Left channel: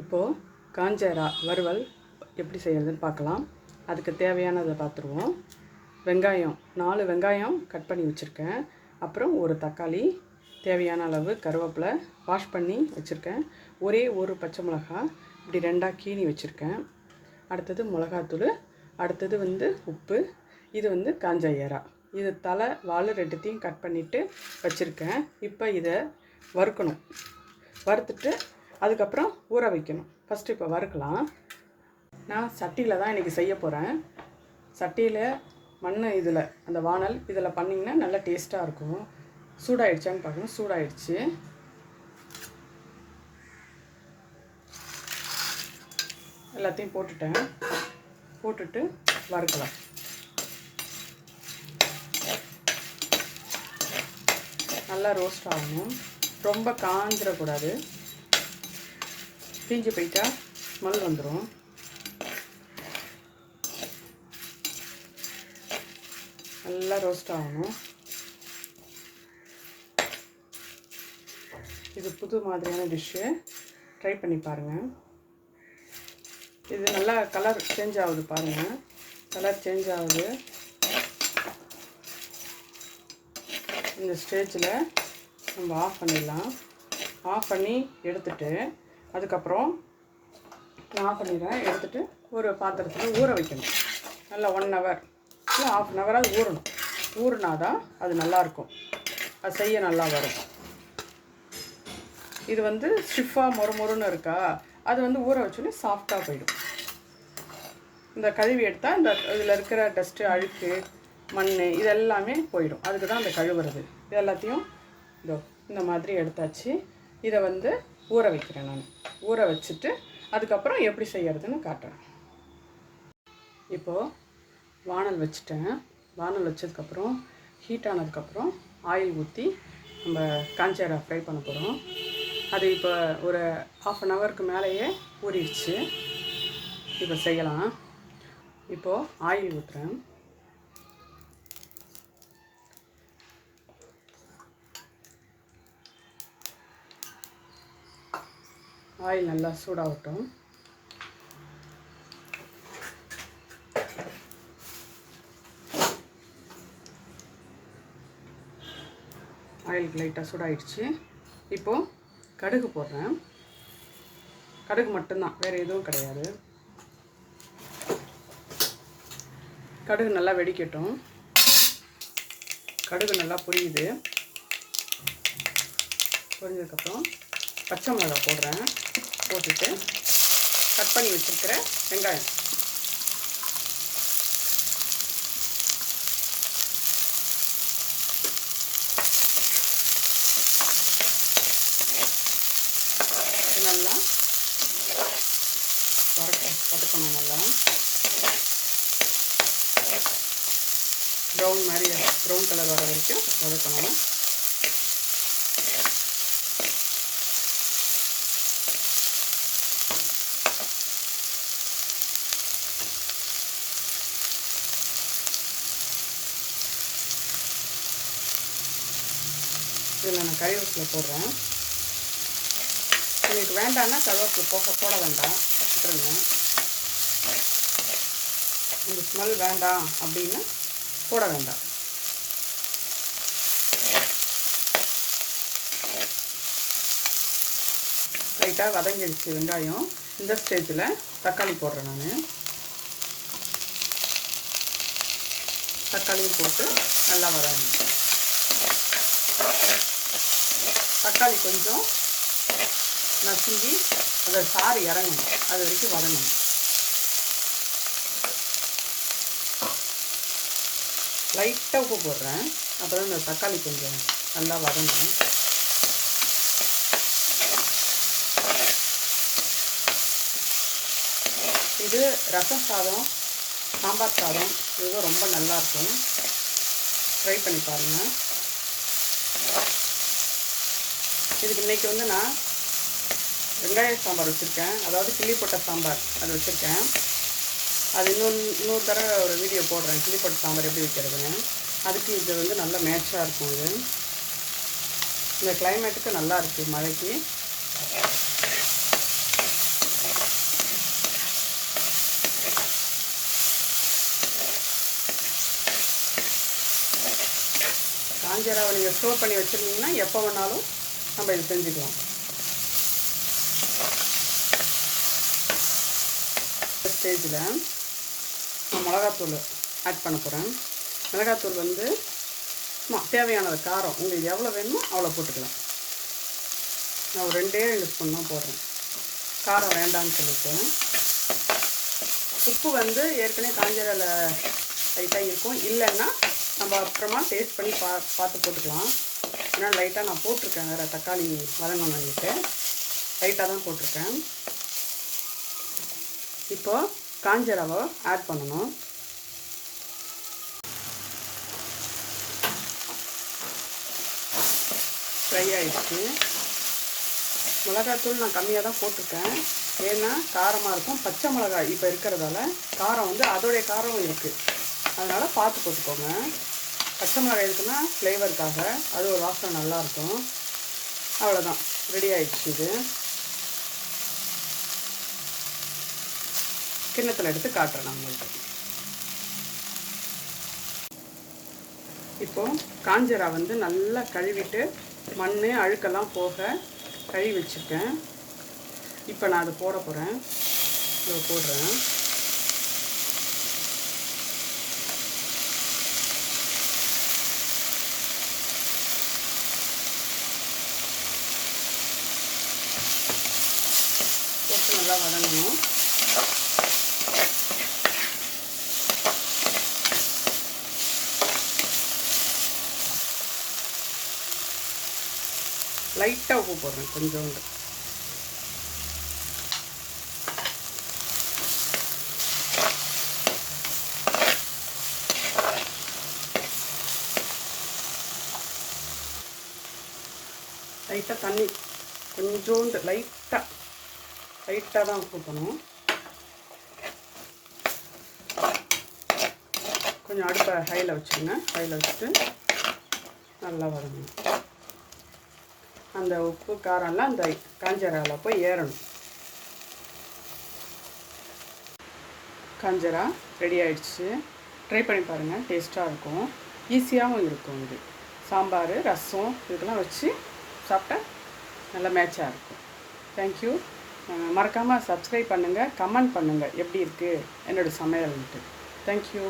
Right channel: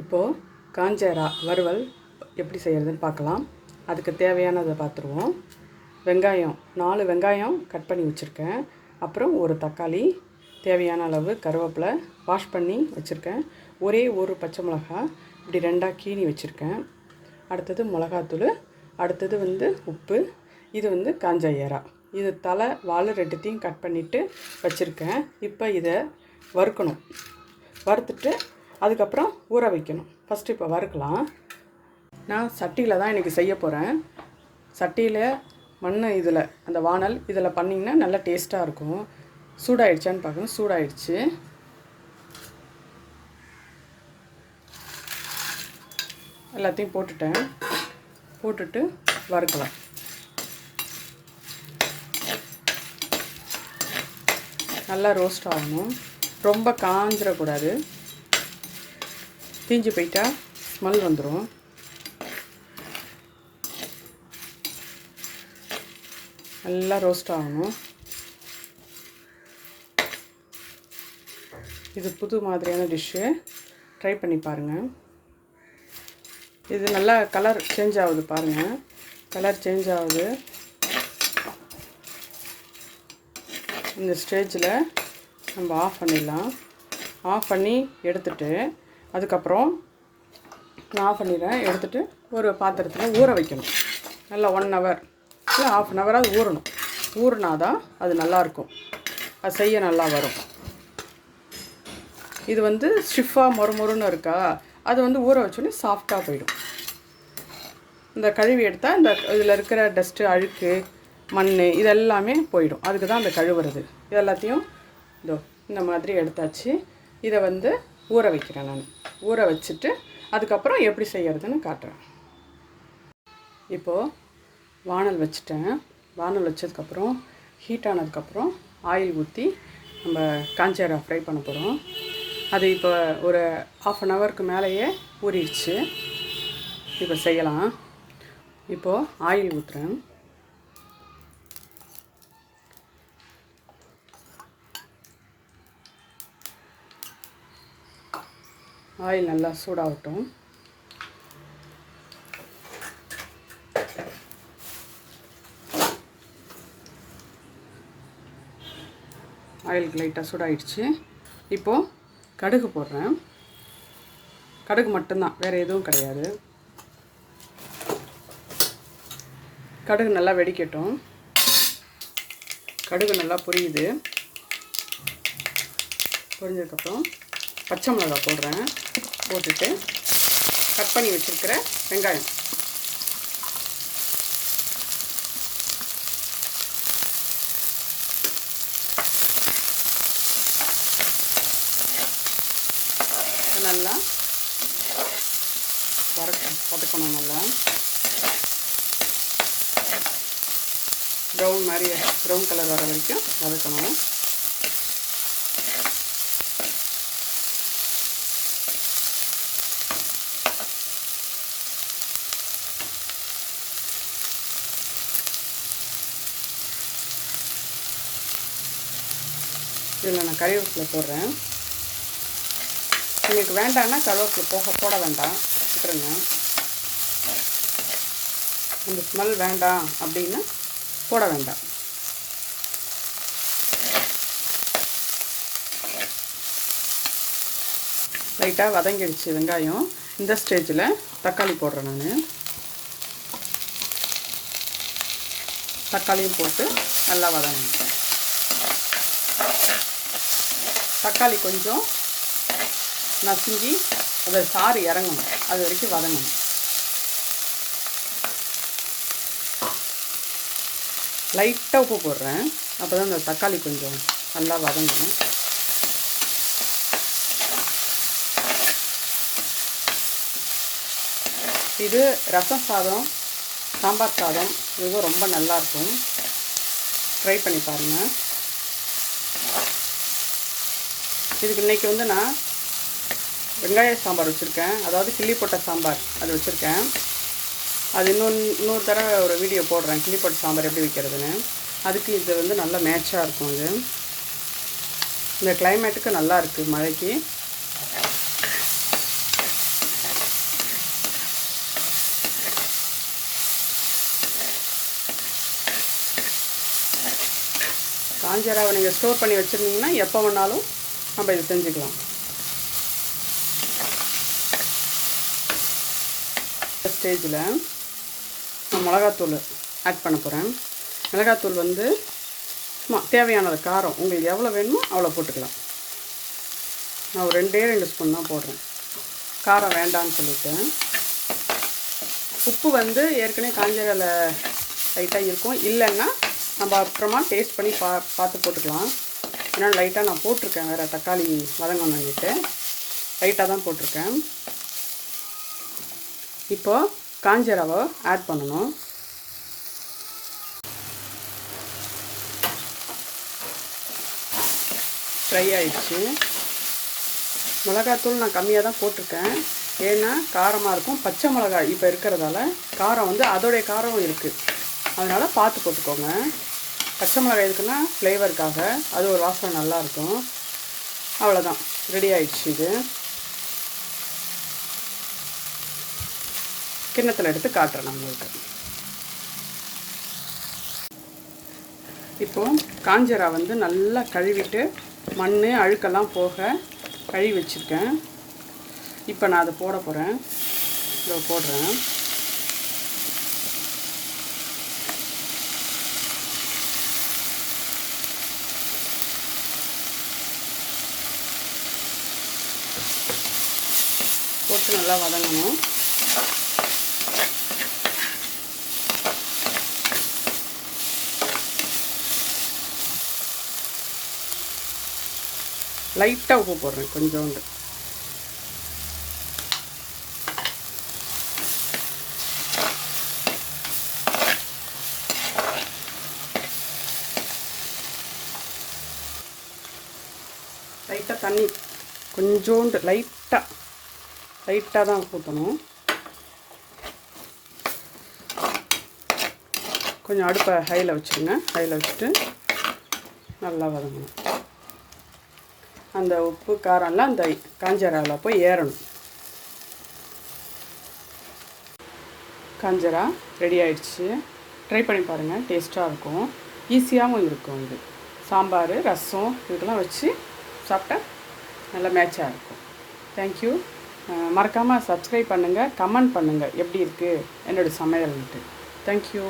இப்போது காஞ்சரா வறுவல் எப்படி செய்கிறதுன்னு பார்க்கலாம். அதுக்கு தேவையானதை பார்த்துருவோம். வெங்காயம் நாலு வெங்காயம் கட் பண்ணி வச்சுருக்கேன். அப்புறம் ஒரு தக்காளி தேவையான அளவு கருவேப்பிலை வாஷ் பண்ணி வச்சுருக்கேன். ஒரே ஒரு பச்சை மிளகா இப்படி ரெண்டாக கீனி வச்சுருக்கேன். அடுத்தது மிளகாத்தூள் அடுத்தது வந்து உப்பு இது வந்து காஞ்ச ஏரா இது தலை வால் ரெண்டுத்தையும் கட் பண்ணிவிட்டு வச்சுருக்கேன். இப்போ இதை வறுக்கணும். வறுத்துட்டு அதுக்கப்புறம் ஊற வைக்கணும். ஃபஸ்ட்டு இப்போ வறுக்கலாம். நான் சட்டியில் தான் இன்றைக்கி செய்ய போகிறேன் சட்டியில் மண் இதில் அந்த வானல் இதில் பண்ணிங்கன்னா நல்லா டேஸ்ட்டாக இருக்கும். சூடாயிடுச்சான்னு பார்க்கணும் சூடாயிடுச்சு. எல்லாத்தையும் போட்டுட்டேன். போட்டுட்டு வறுக்கலாம். நல்லா ரோஸ்ட் ஆகணும். ரொம்ப காஞ்சிடக்கூடாது தீஞ்சு போயிட்டா ஸ்மெல் வந்துடும் நல்லா ரோஸ்ட் ஆகணும். இது புது மாதிரியான டிஷ்ஷு ட்ரை பண்ணி பாருங்கள் இது நல்லா கலர் சேஞ்ச் ஆகுது பாருங்கள் கலர் சேஞ்ச் ஆகுது. இந்த ஸ்டேஜில் நம்ம ஆஃப் பண்ணிடலாம். ஆஃப் பண்ணி எடுத்துட்டு அதுக்கப்புறம் நான் ஆஃப் பண்ணிடுறேன் எடுத்துகிட்டு ஒரு பாத்திரத்தில் ஊற வைக்கணும். நல்லா ஒன் ஹவர் இல்லை ஆஃப் அன் ஹவராக ஊறணும். ஊறினா தான் அது நல்லாயிருக்கும். அது செய்ய நல்லா வரும். இது வந்து ஸ்டிஃபாக மொறுமொறுன்னு இருக்கா? அது வந்து ஊற வச்சோன்னே சாஃப்டாக போயிடும். இந்த கழுவி எடுத்தால் இந்த இதில் இருக்கிற டஸ்ட்டு அழுக்கு மண் இதெல்லாமே போயிடும். அதுக்கு தான் அந்த கழுவுறது. இது எல்லாத்தையும் இதோ இந்த மாதிரி எடுத்தாச்சு. இதை வந்து ஊற வைக்கிறேன் நான். ஊற வச்சுட்டு அதுக்கப்புறம் எப்படி செய்கிறதுன்னு காட்டுறேன். இப்போது வானல் வச்சுட்டேன். வானல் வச்சதுக்கப்புறம் ஹீட் ஆனதுக்கப்புறம் ஆயில் ஊற்றி நம்ம காஞ்சேரா ஃப்ரை பண்ண போகிறோம் அது இப்போ ஒரு ஆஃப் அன் ஹவருக்கு மேலேயே ஊறிடுச்சு. இப்போ செய்யலாம். இப்போது ஆயில் ஊற்றுறேன் ஆயில் நல்லா சூடாகட்டும். ஆயிலுக்கு லைட்டாக சூடாயிடுச்சு. இப்போது கடுகு போடுறேன். கடுகு மட்டும்தான் வேறு எதுவும் கிடையாது. கடுகு நல்லா வெடிக்கட்டும். கடுகு நல்லா புரியுது. புரிஞ்சதுக்கப்புறம் பச்சை மிளகா போடுறேன் போட்டுட்டு கட் பண்ணி வச்சுருக்கிற வெங்காயம். நல்லா வதக்க வதக்கணும் நல்லா. ப்ரௌன் மாதிரி ப்ரௌன் கலர் வர வரைக்கும் வதக்கணும். இதில் நான் கருவேப்பிலை போடுறேன். உங்களுக்கு வேண்டாம்னா கருவேப்பிலை போக போட வேண்டாம். விட்டுருங்க இந்த ஸ்மெல் வேண்டாம் அப்படின்னு போட வேண்டாம். லைட்டாக வதங்கிடுச்சு வெங்காயம். இந்த ஸ்டேஜில் தக்காளி போடுறேன் நான். தக்காளியும் போட்டு நல்லா வதங்க தக்காளி கொஞ்சம் நசுங்கி அதை சாறு இறங்கணும். அது வரைக்கும் வதங்கணும். லைட்டாக உப்பு போடுறேன். அப்போ தான் இந்த தக்காளி கொஞ்சம் நல்லா வதங்கணும். இது ரசம் சாதம் சாம்பார் சாதம் இதுவும் ரொம்ப நல்லாயிருக்கும் ட்ரை பண்ணி பாருங்கள் இதுக்கு இன்றைக்கி வந்து நான் வெங்காய சாம்பார் வச்சுருக்கேன். அதாவது கிள்ளி சாம்பார் அது வச்சுருக்கேன். அது இன்னொன்று இன்னொரு தடவை ஒரு வீடியோ போடுறேன். கிள்ளி சாம்பார் எப்படி வைக்கிறதுன்னு. அதுக்கு இது வந்து நல்ல மேட்சாக இருக்கும் இது. இந்த கிளைமேட்டுக்கு நல்லா இருக்குது மழைக்கு. காஞ்சராவை நீங்கள் ஸ்டோர் பண்ணி வச்சுருந்தீங்கன்னா எப்போ வேணாலும் நம்ம இது செஞ்சுக்கலாம். ஸ்டேஜில் நான் மிளகாத்தூள் ஆட் பண்ண போகிறேன் மிளகாத்தூள் வந்து சும்மா தேவையானது காரம். உங்களுக்கு எவ்வளோ வேணுமோ அவ்வளோ போட்டுக்கலாம். நான் ஒரு ரெண்டே ரெண்டு ஸ்பூன் தான் போடுறேன். காரம் வேண்டாம்னு சொல்லிட்டேன் உப்பு வந்து ஏற்கனவே காஞ்சரில் லைட்டாக இருக்கும். இல்லைன்னா நம்ம அப்புறமா டேஸ்ட் பண்ணி பா பார்த்து போட்டுக்கலாம். ஏன்னா லைட்டாக நான் போட்டிருக்கேன் வேறு தக்காளி வதங்கணுன்னுட்டு லைட்டாக தான் போட்டிருக்கேன். இப்போது காஞ்ச ரவை ஆட் பண்ணணும். ஃப்ரை ஆயிடுச்சு. மிளகாத்தூள் நான் கம்மியாக தான் போட்டிருக்கேன். ஏன்னா காரமாக இருக்கும். பச்சை மிளகாய் இப்போ இருக்கிறதால காரம் வந்து அதோடைய காரமும் இருக்குது அதனால் பார்த்து போட்டுக்கோங்க. பச்சை மிளகாய் இருக்குன்னா ஃப்ளேவருக்காக அது ஒரு வாசனை நல்லாயிருக்கும். அவ்வளோதான் ரெடி ஆயிடுச்சு இது. கிண்ணத்தில் எடுத்து காட்டுறேன் நம்மளுக்கு இப்போது காஞ்சரா வந்து நல்லா கழுவிட்டு மண் அழுக்கெல்லாம் போக கழுவி வச்சுருக்கேன். இப்போ நான் அதை போட போகிறேன் இதை போடுறேன். போட்டு நல்லா வதங்கணும். லைட்டாக உப்பு போடுறேன் கொஞ்சோண்டு. லைட்டாக தண்ணி கொஞ்சோண்டு லைட்டாக லைட்டாக தான் ஊற்றணும் கொஞ்சம் அடுப்பை ஹையில் வச்சுருங்க. ஹையில் வச்சுட்டு நல்லா வதங்கணும். அந்த உப்பு காரம்லாம் அந்த காஞ்சராவில் போய் ஏறணும். காஞ்சரா ரெடி ஆயிடுச்சு. ட்ரை பண்ணி பாருங்கள் டேஸ்ட்டாக இருக்கும். ஈஸியாகவும் இருக்கும் இது. சாம்பார் ரசம் இதெல்லாம் வச்சு சாப்பிட்டா நல்லா மேட்சாக இருக்கும். தேங்க்யூ மறக்காமல் சப்ஸ்கிரைப் பண்ணுங்கள் கமெண்ட் பண்ணுங்கள் எப்படி இருக்குது என்னோடய சமையல்ன்ட்டு. தேங்க்யூ